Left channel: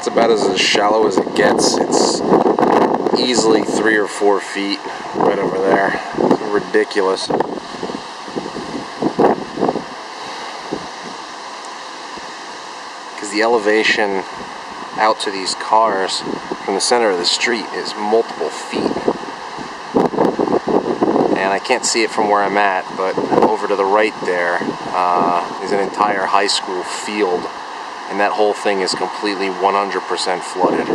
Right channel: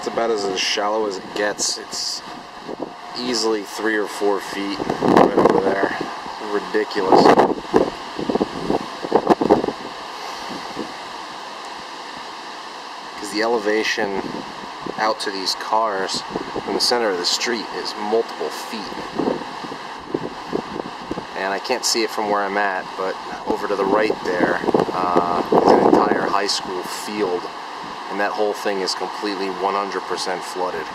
It's about as shallow as it gets. It's easily 3 or 4 feet right over there. It's ridiculous. Because the elevation out to these cars from the center of the street is multiple feet. And I can't see it from where I'm at, but over to the right there is an entire high school field, and that whole thing is completely 100% flooded.